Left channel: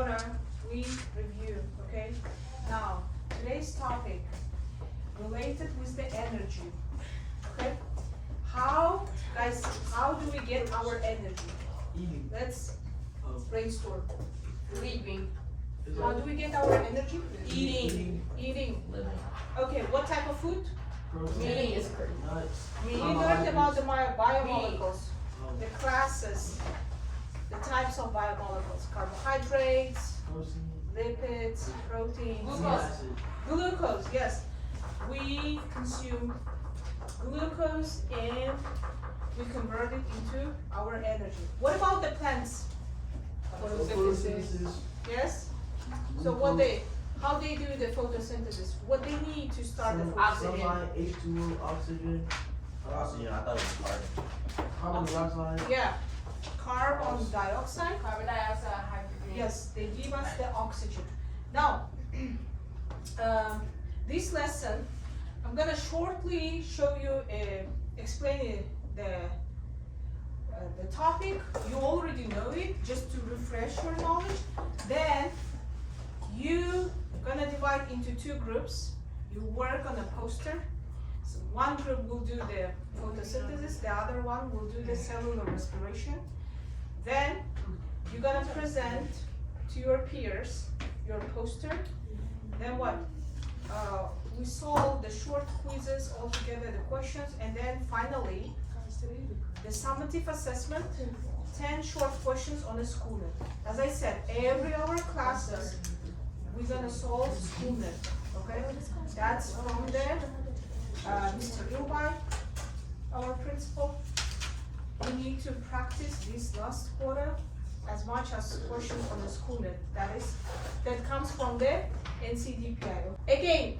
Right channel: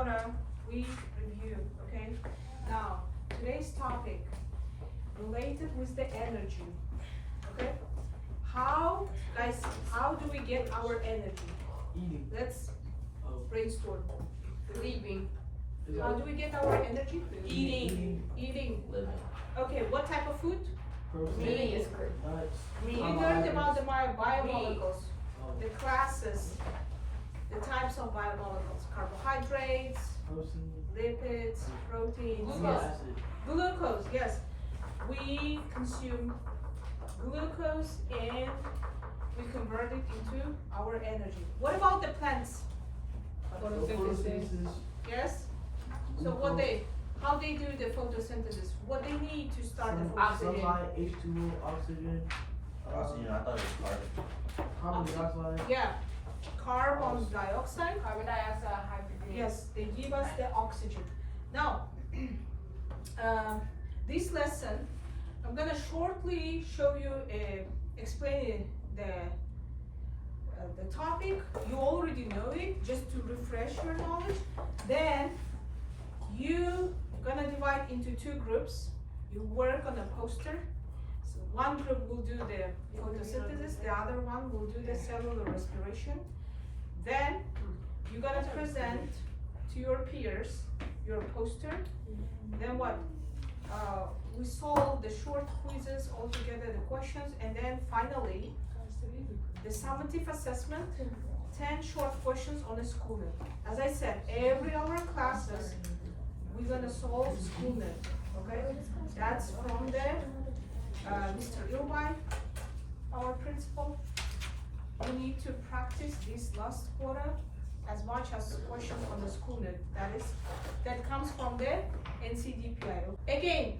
quarter we review, okay? Now, today's topic related with the energy, okay? Guys, how do we get our energy? Eating. Let's brainstorm. Sleeping. How do we get our energy? Eating. Eating. Living. Okay, what type of food? Meat is good. Nuts. We learned about the biomolecules, the classes, the types of biomolecules, carbohydrates, Protein. lipids, proteins, Glucose. yes. Glucose, yes. We consume glucose and we convert it into our energy. What about the plants? Photosynthesis. Yes? So how they do the photosynthesis? What they need to start the photosynthesis? Sunlight, H2O, oxygen. Oxygen, I thought it was carbon. Carbon dioxide. Yeah. Carbon dioxide. Carbon dioxide, hydrogen. Yes, they give us the oxygen. Now, this lesson, I'm gonna shortly show you, explain the topic. You already know it, just to refresh your knowledge. Then you gonna divide into two groups. You work on a poster. So one group will do the photosynthesis, the other one will do the cellular respiration. Then you're gonna present to your peers your poster. Then what? We solve the short quizzes all together, the questions, and then finally the summative assessment, 10 short questions on a schooner. As I said, every our classes we're gonna solve schooner. Okay? That's from the Mr. Ilbai, our principal. We need to practice this last quarter as much as questions on the schooner. That comes from the NCDPI. Again,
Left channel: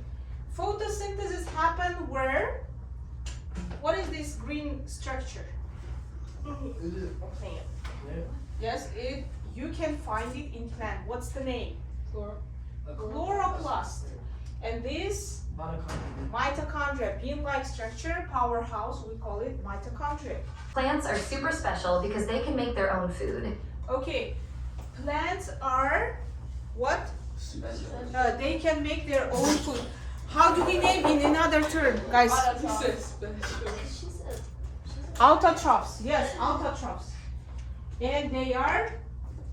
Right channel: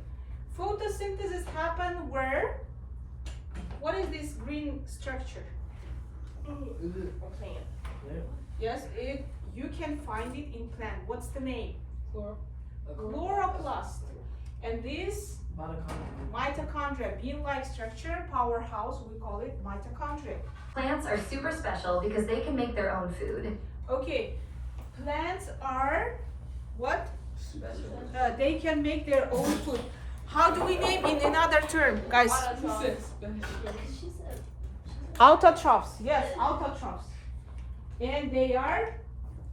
photosynthesis happen where? What is this green structure? Is it? Yeah. Yes, you can find it in plant. What's the name? Chloroplast. And this mitochondria, bean-like structure, powerhouse, we call it mitochondria. Plants are super special because they can make their own food. Okay, plants are what? They can make their own food. How do we name in another term, guys? Autotrophs. Yes, autotrophs. And they are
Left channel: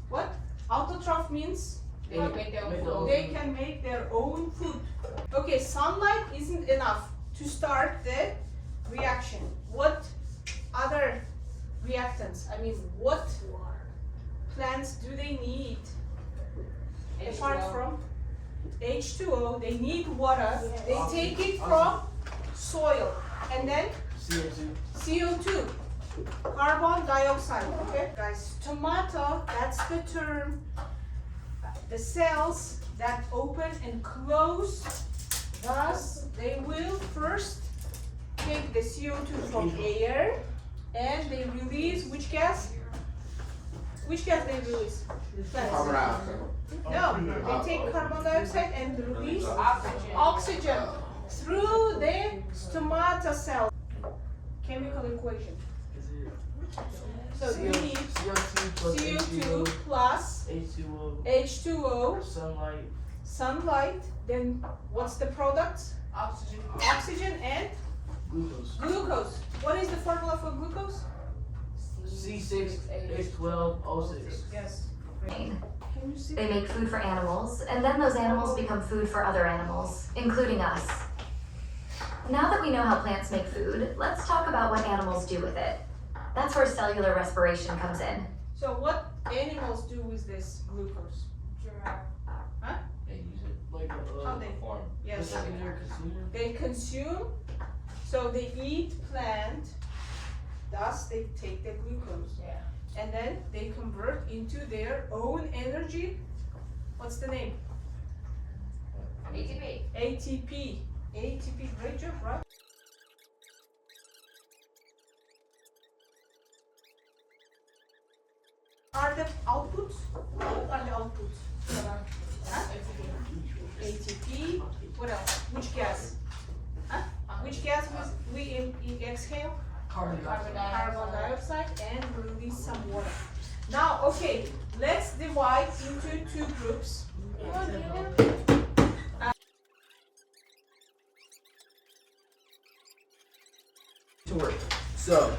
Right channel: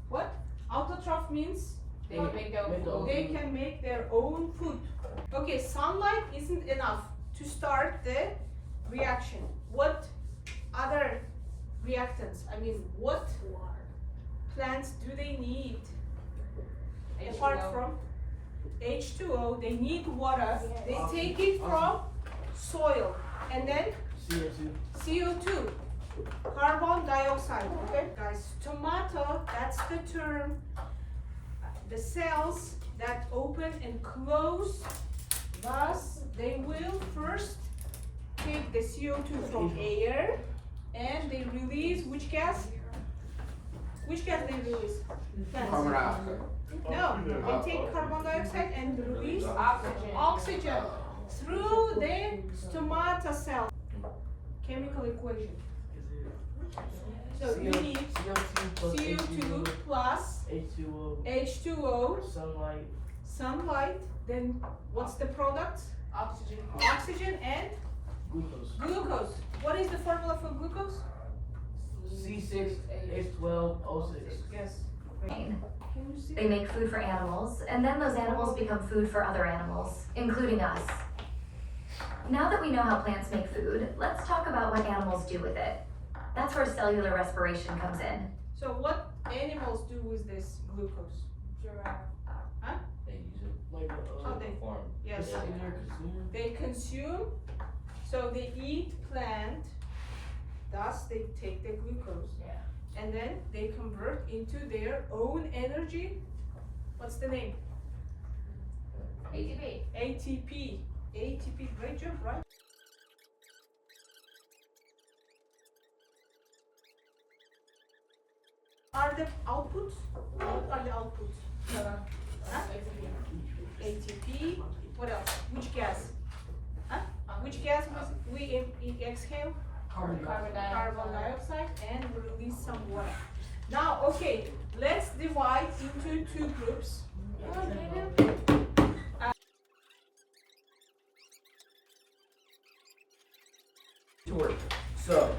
what? Autotroph means They can make their own food. they can make their own food. Okay, sunlight isn't enough to start the reaction. What other reactants? I mean, what plants do they need apart from H2O? They need water. They take it from soil and then CO2. CO2, carbon dioxide. Okay, guys, tomato, that's the term. The cells that open and close, thus they will first take the CO2 from air and they release which gas? Which gas they release? Carbon dioxide. No, they take carbon dioxide and release Oxygen. oxygen through the stomata cell. Chemical equation. So you need CO2 plus H2O. H2O, Sunlight. sunlight, then what's the product? Oxygen. Oxygen and Glucose. glucose. What is the formula for glucose? C6H12O6. Yes. Can you see? They make food for animals, and then those animals become food for other animals, including us. Now that we know how plants make food, let's talk about what animals do with it. That's where cellular respiration comes in. So what animals do with this glucose? Giraffe. They use it like a How they Form. Yes. secondary consumer. They consume, so they eat plant, thus they take the glucose. Yeah. And then they convert into their own energy. What's the name? ATP. ATP. ATP, great job, right? Are the outputs? What are the outputs? Huh? ATP. What else? Which gas? Huh? Which gas we exhale? Carbon Carbon dioxide. Carbon dioxide and release some water. Now, okay, let's divide into two groups. So,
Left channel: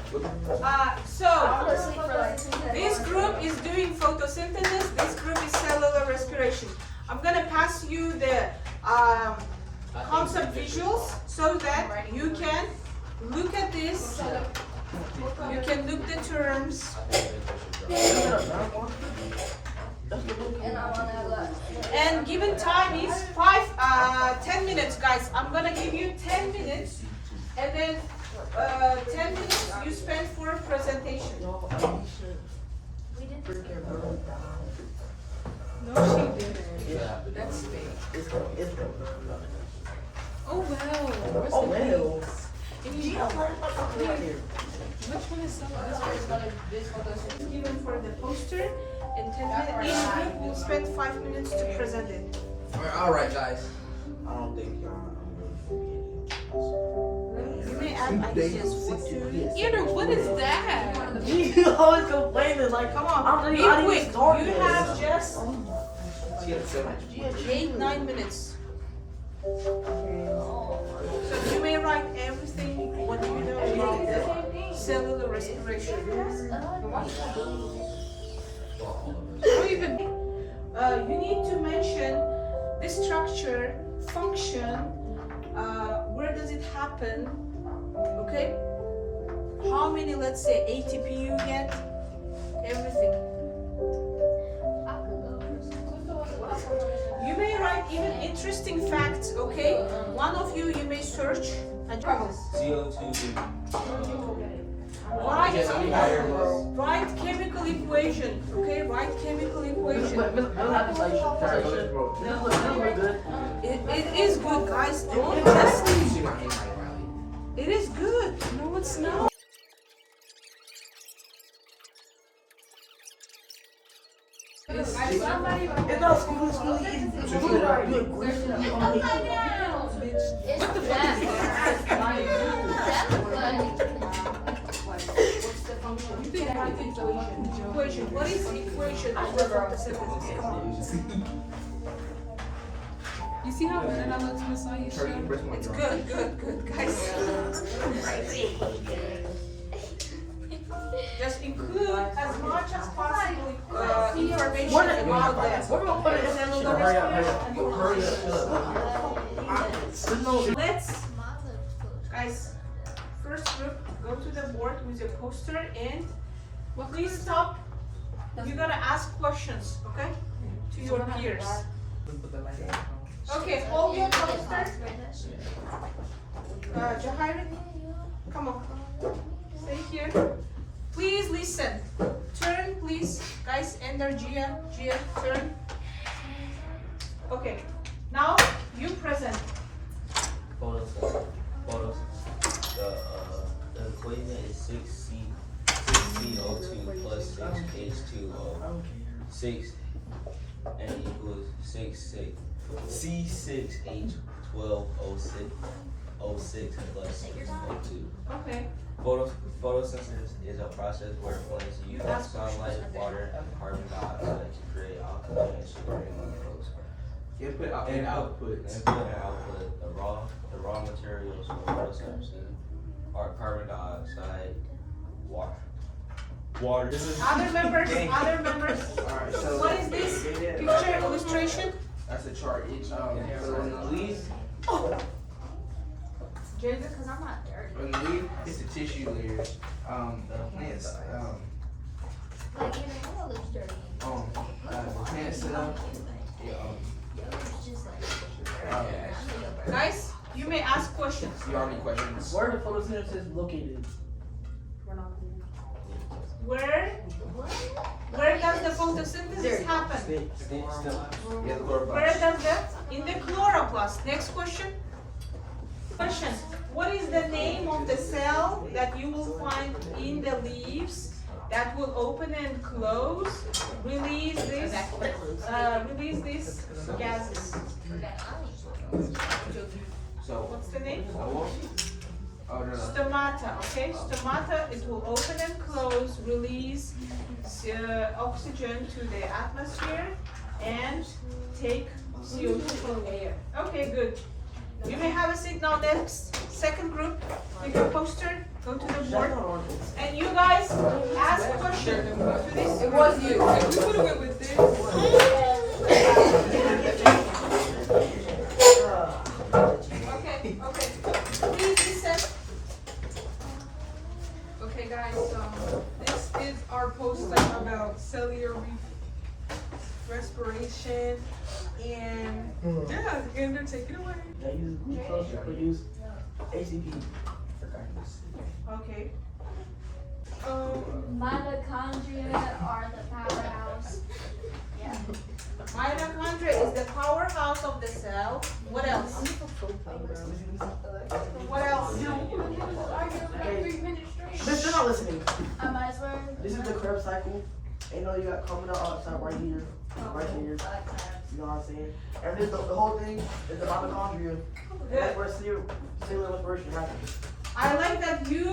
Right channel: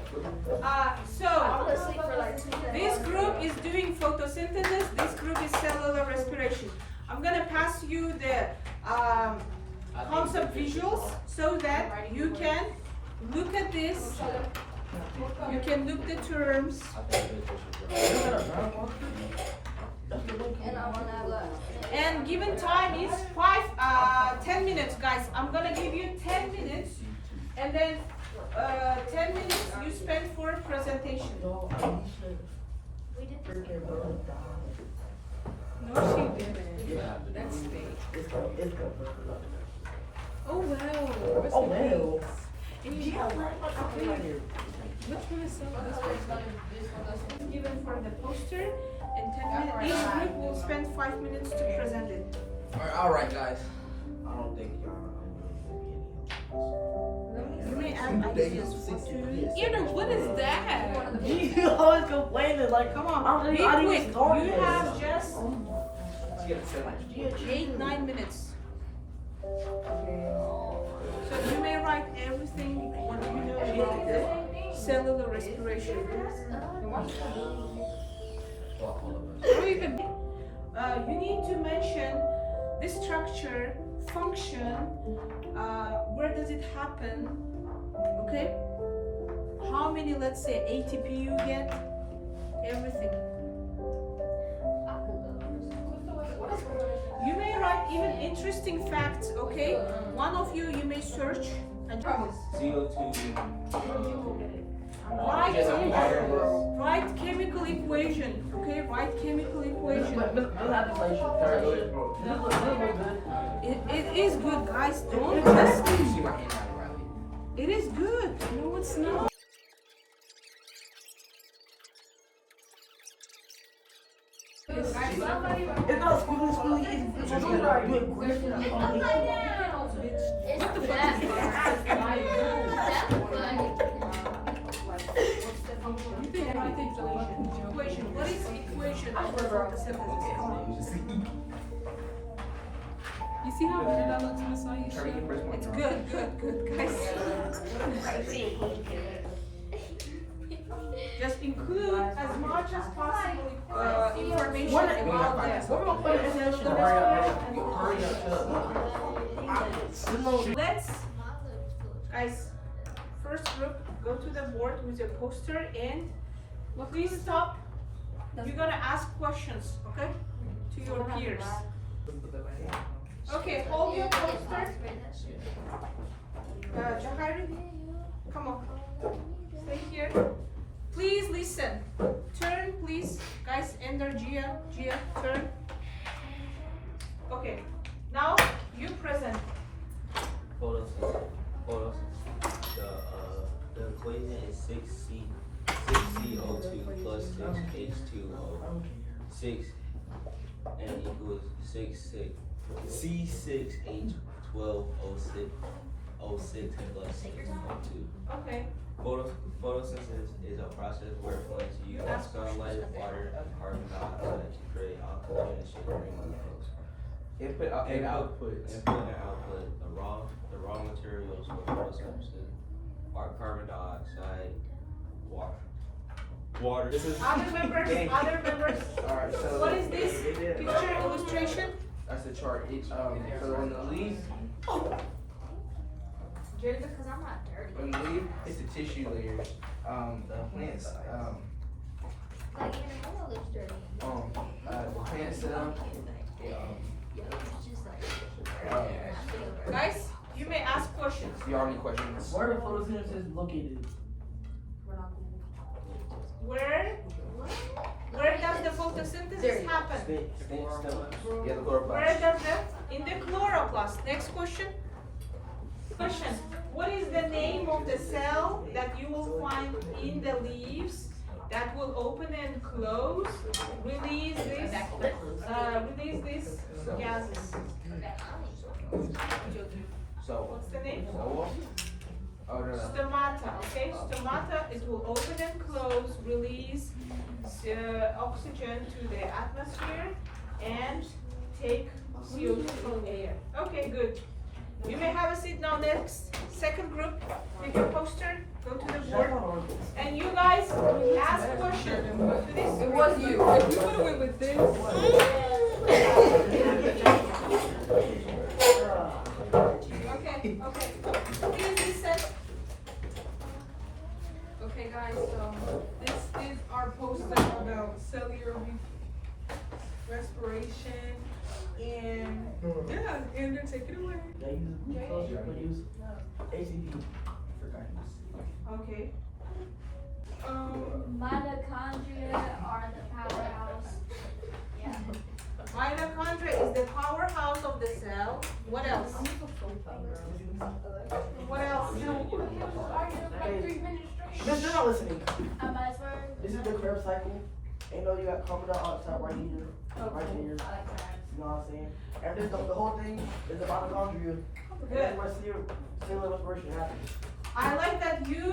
This group is doing photosynthesis, this group is cellular respiration. I'm gonna pass you the concept visuals so that you can look at this, you can look the terms. And given time is 10 minutes, guys. I'm gonna give you 10 minutes, and then 10 minutes you spend for presentation. No, she didn't. That's fake. Oh well. Oh well. Which one is given for the poster, and 10 minutes. Each group will spend 5 minutes to present it. alright guys. I don't think You may add ideas what to. Either, what is that? You always complaining like, Come on, I'm be not quick. even started. You have just she had so much. 8-9 minutes. So you may write everything what you know about the cellular respiration. Or even you need to mention the structure, function, where does it happen, okay? How many, let's say, ATP you get, everything. You may write even interesting facts, okay? One of you may search and CO2. write chemical equation, okay? Write chemical equation. It is good, guys. Don't just. See my handwriting, Riley. It is good. No, it's not. It's not squiggly, it's What the fuck is Equation. What is equation for photosynthesis? Come on. You see how good that looks, Miss Aisha? It's good, guys. Just include as much as possible information about that. We're gonna put it in Let's, guys, first group, go to the board with your poster and please stop. You gotta ask questions, okay? To your peers. Okay, hold your poster. Jahira, come on. Stay here. Please listen. Turn, please. Guys, enter Gia. Gia, turn. Okay. Now, you present. Photosynthesis. The equation is 6CO2 plus 6H2O. 6 and equals C6H12O6 plus 6O2. Okay. Photosynthesis is a process where plants use sunlight, water, and carbon dioxide to create oxygen and sugar and glucose. Input and output. Input and output. The raw materials for photosynthesis are carbon dioxide, water. This is Other members. Alright, so. What is this picture illustration? That's a chart. Each, on the leaf, Because I'm not dirty. on the leaf, it's the tissue layers. The plants, Like, even the window looks dirty. the plants sit up. It's just like, Guys, you may ask questions. You already questions. Where the photosynthesis located? Where does the photosynthesis happen? Stay still. Yeah, the chloroplast. Where does that? In the chloroplast. Next question. Question. What is the name of the cell that you will find in the leaves that will open and close, release these gases? So, What's the name? Oh, no, no. Stomata, okay? Stomata, it will open and close, release oxygen to the atmosphere and take CO2 from air. Okay, good. You may have a seat now. Next, second group, take your poster, go to the board, and you guys ask questions. It was you. If we would have went with this. Okay. Please listen. Okay, guys, this is our poster about cellular respiration. And yeah, and then take it away. They use glucose to produce ACP. Okay. Mitochondria are the powerhouse. Yeah. Mitochondria is the powerhouse of the cell. What else? What else? Hey, they're not listening. I swear. This is the Krebs cycle. And you know you got carbon dioxide right here, right here. You know what I'm saying? And this, the whole thing is the mitochondria. And that's where cellular respiration happens. I like that you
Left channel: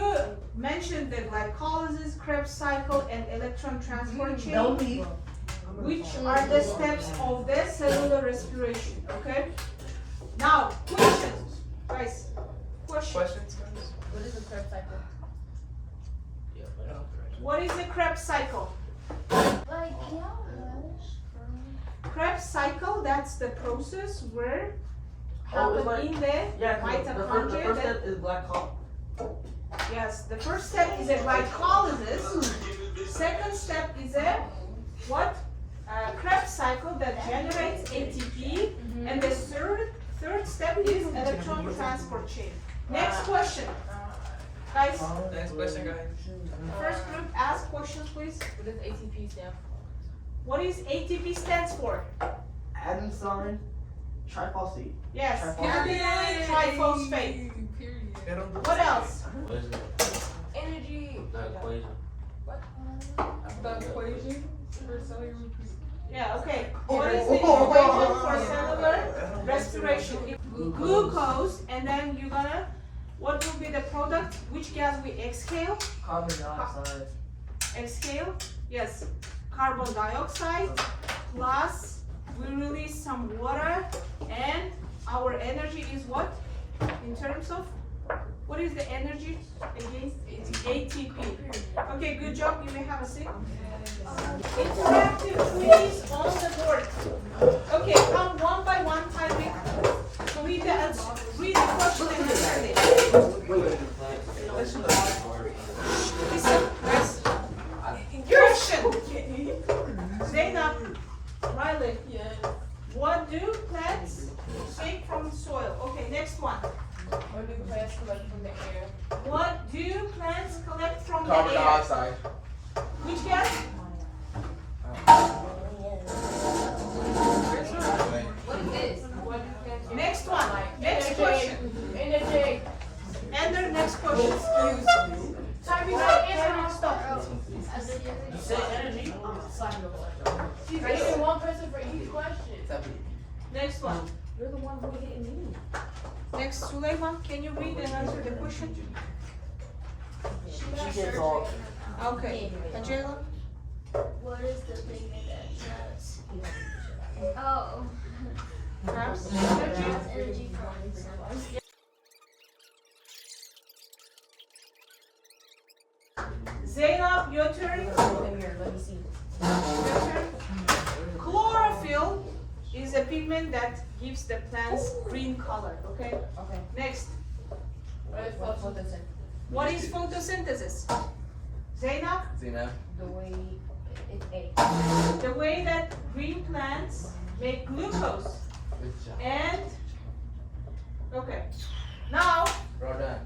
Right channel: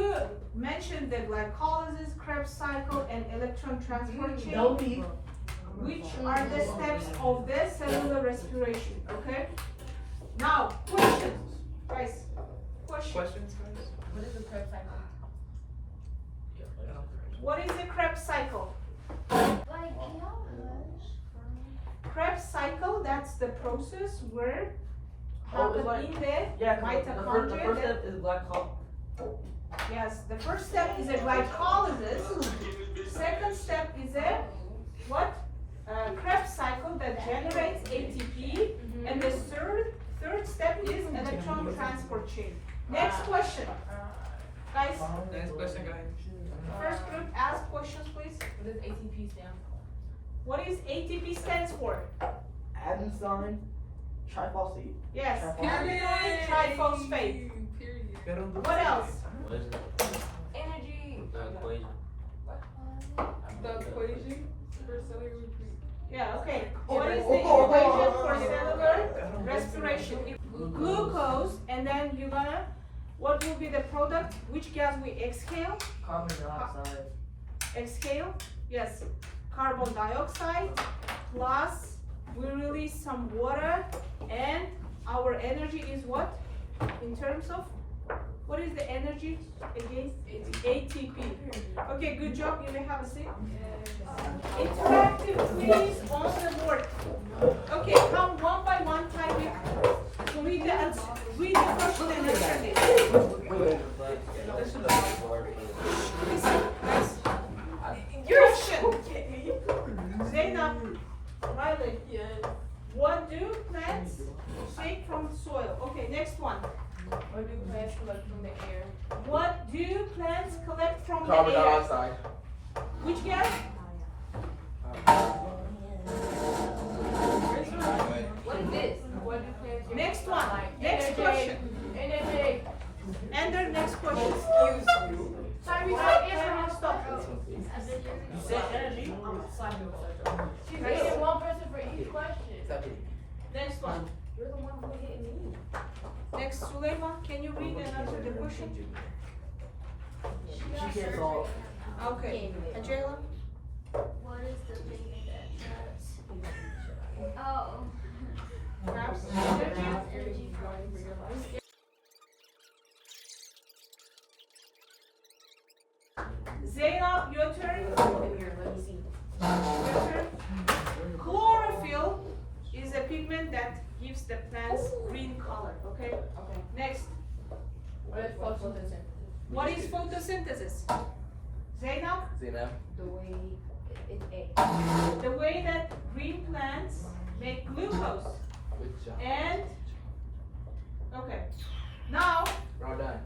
mentioned the glycolysis, Krebs cycle, and electron transport chain, Don't be. which are the steps of the cellular respiration. Okay. Now, questions, guys. Questions. Questions, guys? What is the Krebs cycle? What is the Krebs cycle? Like, yeah. Krebs cycle, that's the process where Oh, it's happen like- in the Yeah, the mitochondria. first step is glycolysis. Yes, the first step is a glycolysis. Second step is a what? Krebs cycle that generates ATP. And the third step is electron transport chain. Next question. Guys, Next question, guys. first group, ask questions please. What does ATP stand for? What is ATP stands for? Adenosine triphosphate. Yes, Period. triphosphate. Period. What else? What is it? Energy. The equation. The equation for cellular Yeah, okay. What is the equation for cellular respiration? Glucose, and then you're gonna, what will be the product? Which gas we exhale? Carbon dioxide. Exhale, yes. Carbon dioxide, plus we release some water, and our energy is what? In terms of, what is the energy again? ATP. Okay, good job. You may have a seat. Interactive quiz on the board. Okay, come one by one, Tyreek. So read the answer. Read the question and answer it. Listen, guys. Question. Zainab, Riley. What do plants take from soil? Okay, next one. What do plants collect from the air? What do plants collect from Carbon the air? dioxide. Which gas? What is this? What do plants Next one. Next question. Energy. And the next question. Tyreek, stop. You said energy? She's getting one person for each question. Next one. You're the one who hit me. Next, Sulaiman, can you read and answer the question? She gets all. Okay. Angela? What is the thing that does? Oh. Perhaps? That's energy from. Zainab, your turn. Your turn. Chlorophyll is a pigment that gives the plants green color, okay? Okay. Next, What is photosynthesis? what is photosynthesis? Zainab? Zena. The way it's A. The way that green plants make glucose. Good job. And, okay. Now, You're done.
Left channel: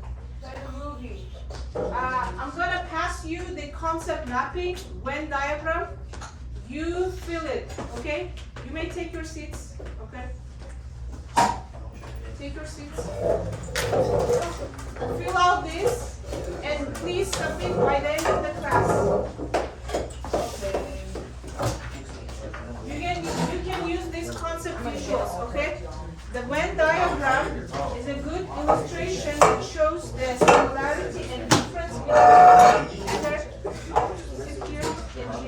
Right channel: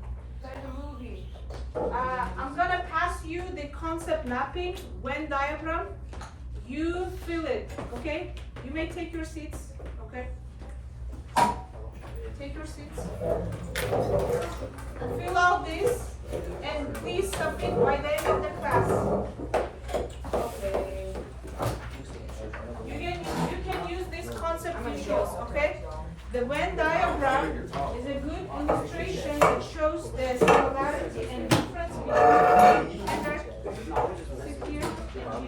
I'm gonna pass you the concept mapping Venn diagram. You fill it, okay? You may take your seats, okay? Take your seats. Fill out this and please submit by the end of the class. You can use this concept visuals, okay? The Venn diagram is a good illustration that shows the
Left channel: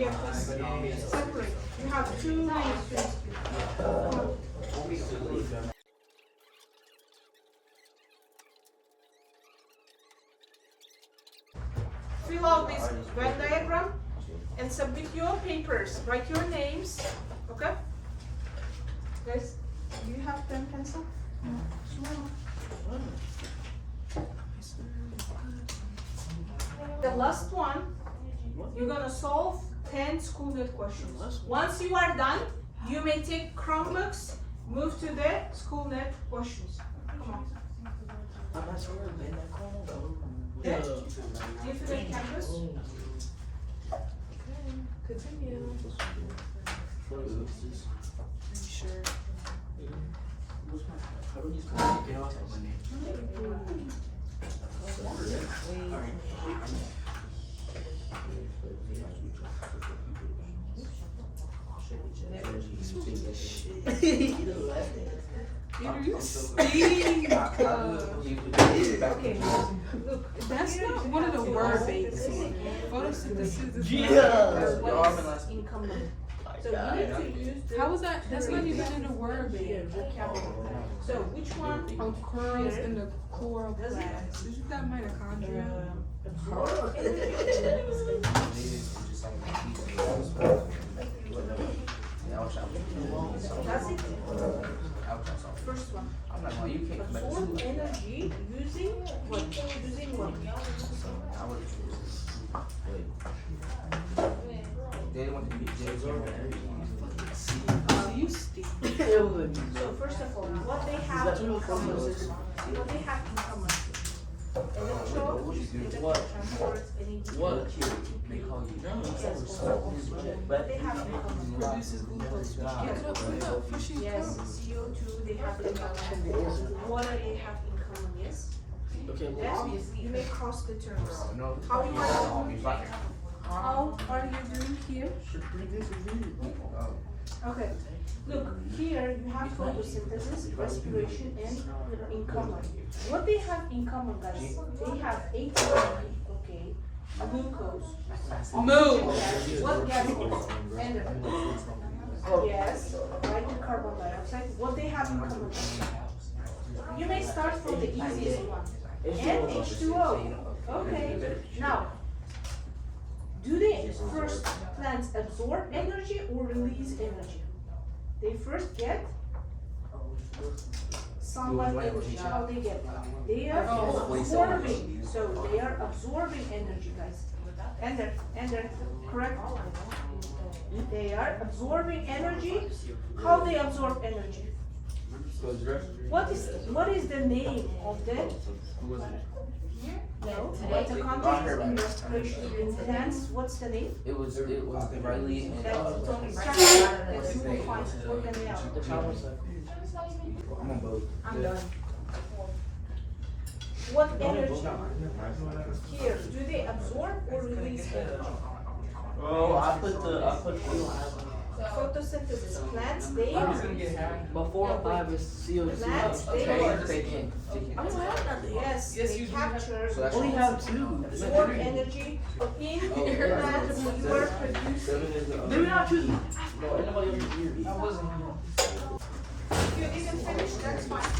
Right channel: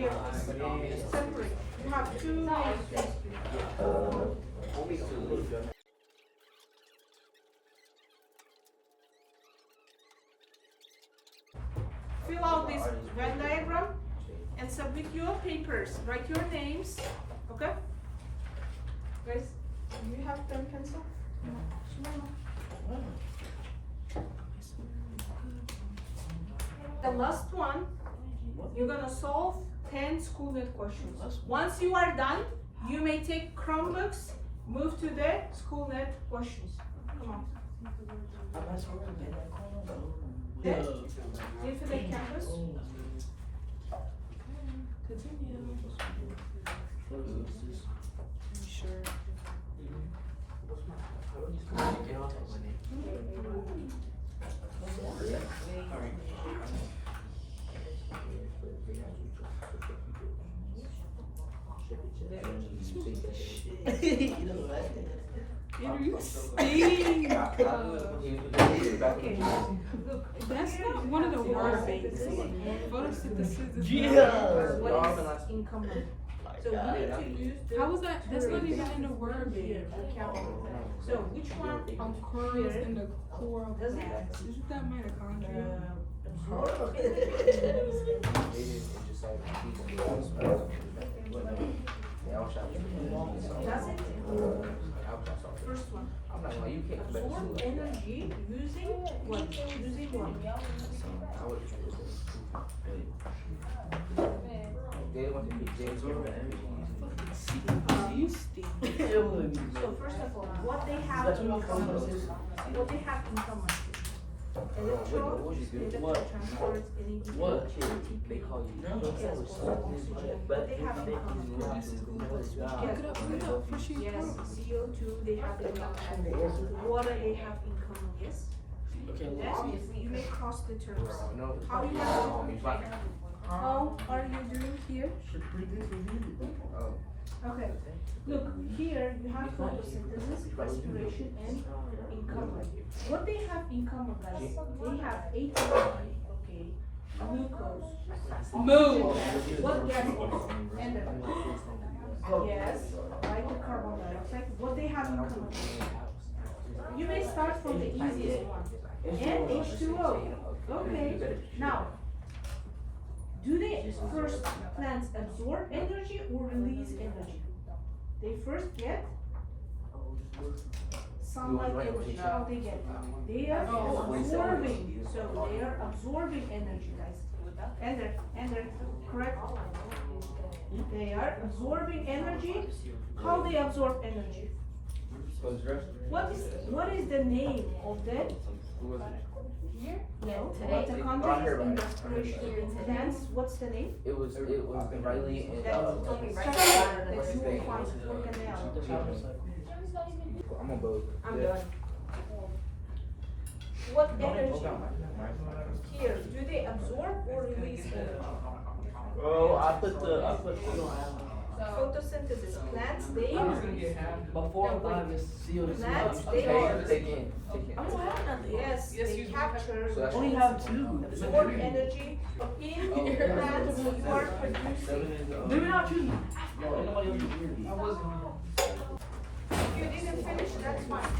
Separate. You have two names. Fill out this Venn diagram and submit your papers. Write your names. Okay? Guys, do you have pen pencil? The last one, you're gonna solve 10 SchoolNet questions. Once you are done, you may take Chromebooks, move to the SchoolNet questions. Come on. Infinite Campus. Continue. You stink. Okay, look, that's not one of the word banks. Photosynthesis is Income. So you need to use the How was that? That's not even in the word bank. vocabulary. So which one? Occurs in the chloroplast. Isn't that mitochondria? Does it? First one. Absorb energy using what? Using what? You stink. So first of all, what they have in common. What they have in common. Electron transports energy. What? They have in common. Produces glucose. Pick it up, push it Yes, CO2 they have in common. Water they have in common, yes? Okay, Then you may cross the terms. How you are doing here? How are you doing here? Okay, look, here you have photosynthesis, respiration, and in common. What they have in common, guys? They have ATP, okay, glucose, what gas? And yes, right, the carbon dioxide. What they have in common? You may start from the easiest one. And H2O. Okay, now, do they first plants absorb energy or release energy? They first get sunlight energy. How they get? They are absorbing. So they are absorbing energy, guys. Ender, correct? They are absorbing energy. How they absorb energy? What is the name of the? No, mitochondria in respiration in plants. What's the name? It was Riley. Let's move on to organelle. I'm on both. I'm done. What energy? Here, do they absorb or release energy? Oh, I put Photosynthesis. Plants, they but 4 and 5 is CO2. Plants, they I don't have nothing. yes, they capture, So that's Only have 2. absorb energy in your plants. You are producing. Maybe not choosing. No, nobody else is here. If you didn't finish, that's fine.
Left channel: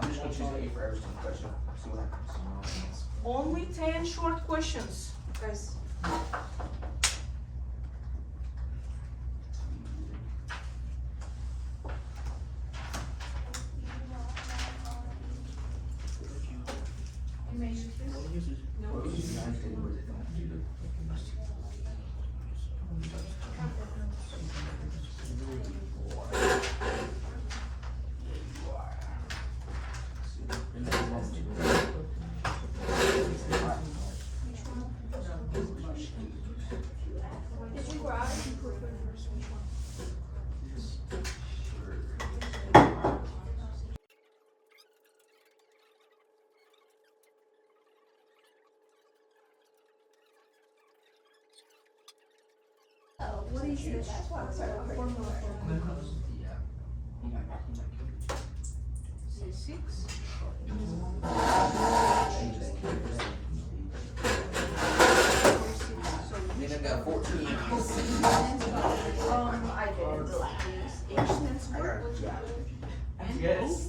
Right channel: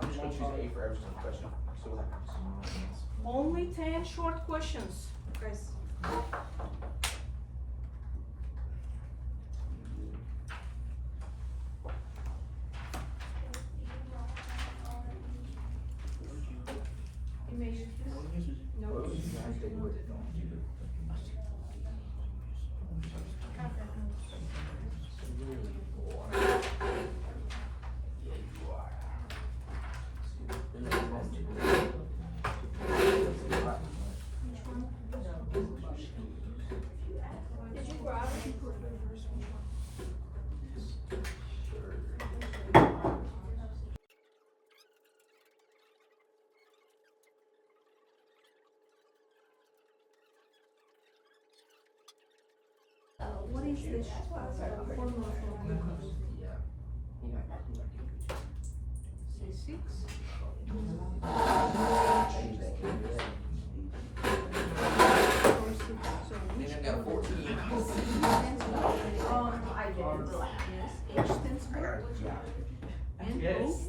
I'm just gonna choose you for every single question. See what happens. Only 10 short questions, guys. You may use this. No. What is the formula for glucose? I did. H stands for? Yes.